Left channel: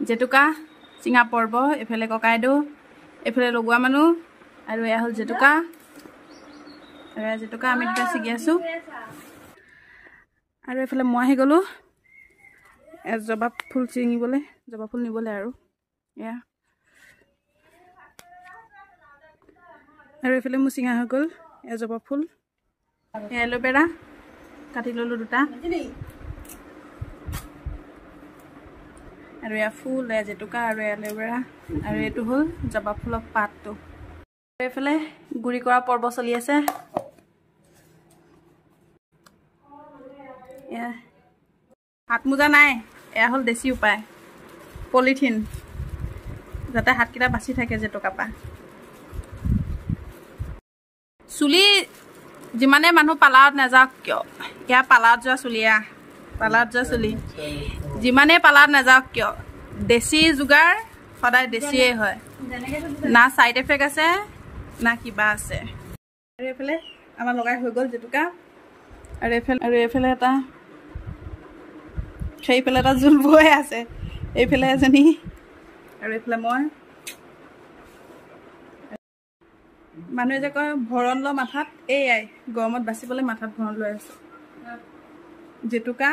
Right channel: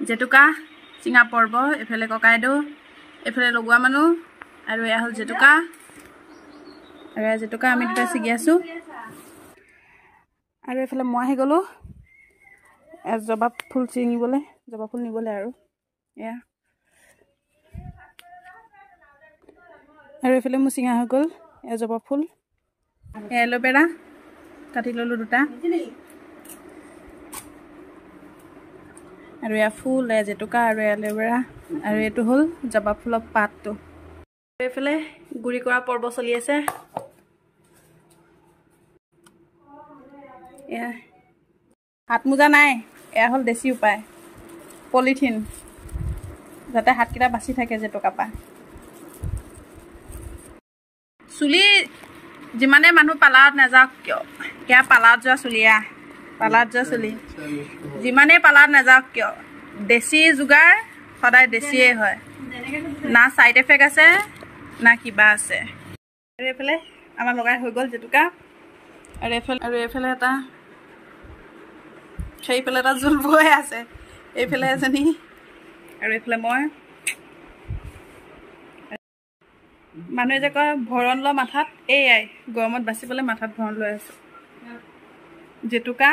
জেতুকা চিঙা পৰ্ব এফালে ককাইদেউ এফালে লগোৱা মানুহ আৰু এয়া হ'ল জেতুকা আৰু এয়া জেতুকা আমি দুটা ছিগি আছোঁ আৰু এফালে মই আহি গ'লোঁ জবা ফুল ছিঙিবলৈ জবা ফুল নিবলৈ আৰু এয়া আৰু এফালে মোৰ চিঙা হৈ গ'ল এয়া জবা ফুল এল'ভেৰা কাটি ল'লোঁ দুটা আৰু এয়া ফুল এয়া জেতুকা আৰু এল'ভেৰা আৰু এইটো হ'ল জবা ফুলৰ পাতটো এইফালে গুড়ি কৰা পৰ্ব চলি আছে এয়া হাত মোজা নাই এয়া হ'ল দেশী উপায় পলিথিন যাতে হাতকেইটা বাচি থাকে জেতুকা পা চুলি যিমানে মানুহ পালাত নাযাওক কিয় এয়া পালাত যোৱা চুলিয়া পালাত যোৱা চুলি যিমানে পালাত নাযাওক কিয় দেশী যোগাৰ সদায় দেশীয়ে হয় না সাইড এফেক্ট আছে না কিবা আছে আৰু এইফালে আমাৰ লগাই হৈ গ'ল জেতুকা আৰু এইফালে এটা সেইফালে এটা জোল বৈ আছে এইফালে এজনী আৰু এইফালে মই মানুহে যে কয় ভৰণ ল মাথাত এয়াই গৰমত বাচিবলৈ মাথাত ভৰণ লৈ আছোঁ জেতুকা